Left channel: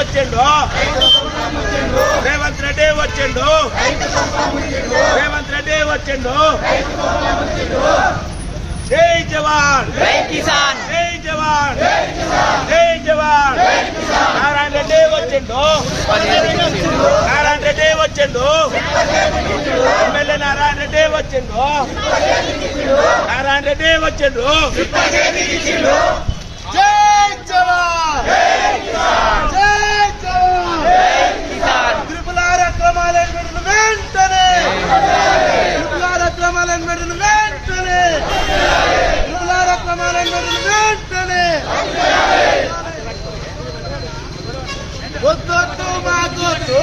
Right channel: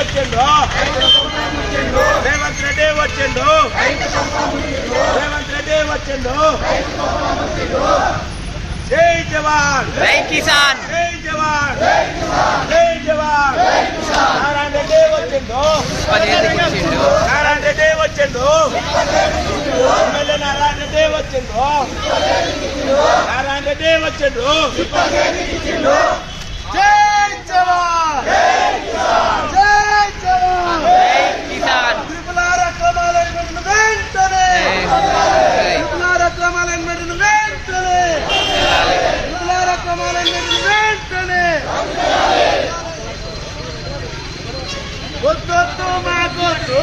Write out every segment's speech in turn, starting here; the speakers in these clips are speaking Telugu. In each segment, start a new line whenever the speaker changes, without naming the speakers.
వచ్చిండు? రేవంత్ రెడ్డి వచ్చిండు? రేవంత్ రెడ్డి వచ్చిండు? జై జవాన్!
జై కిసాన్!
జై జవాన్! జై జవాన్! నారాయణ రెడ్డి వచ్చిండు? నారాయణ రెడ్డి వచ్చిండు? ఎమ్మెల్యే నారాయణ రెడ్డి వచ్చిండు? నారాయణ రెడ్డి వచ్చిండు? జై జవాన్! వెంటనే. వద్దొద్దు మాకొద్దు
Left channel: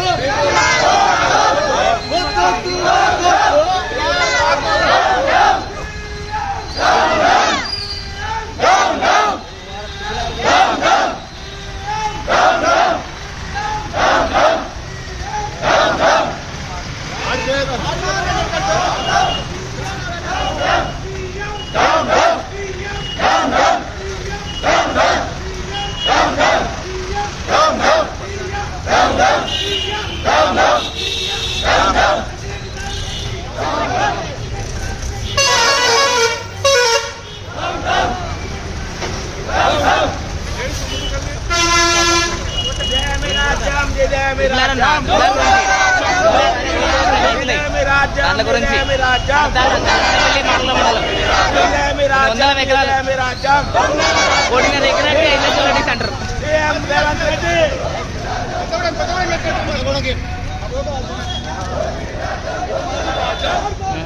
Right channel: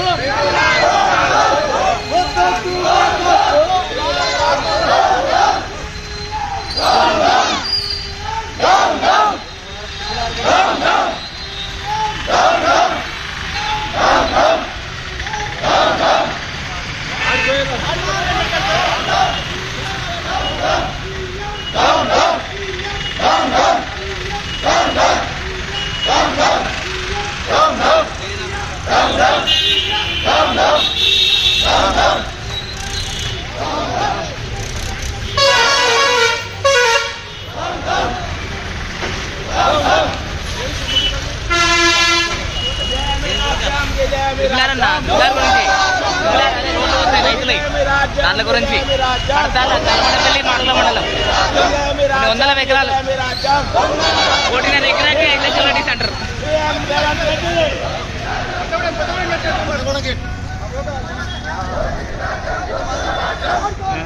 దాని
గురించి. వందల ఎకరాలు కోటిన్నర ఎకరాకి ఐదు లక్షలు అడిగి అంటారు కూడా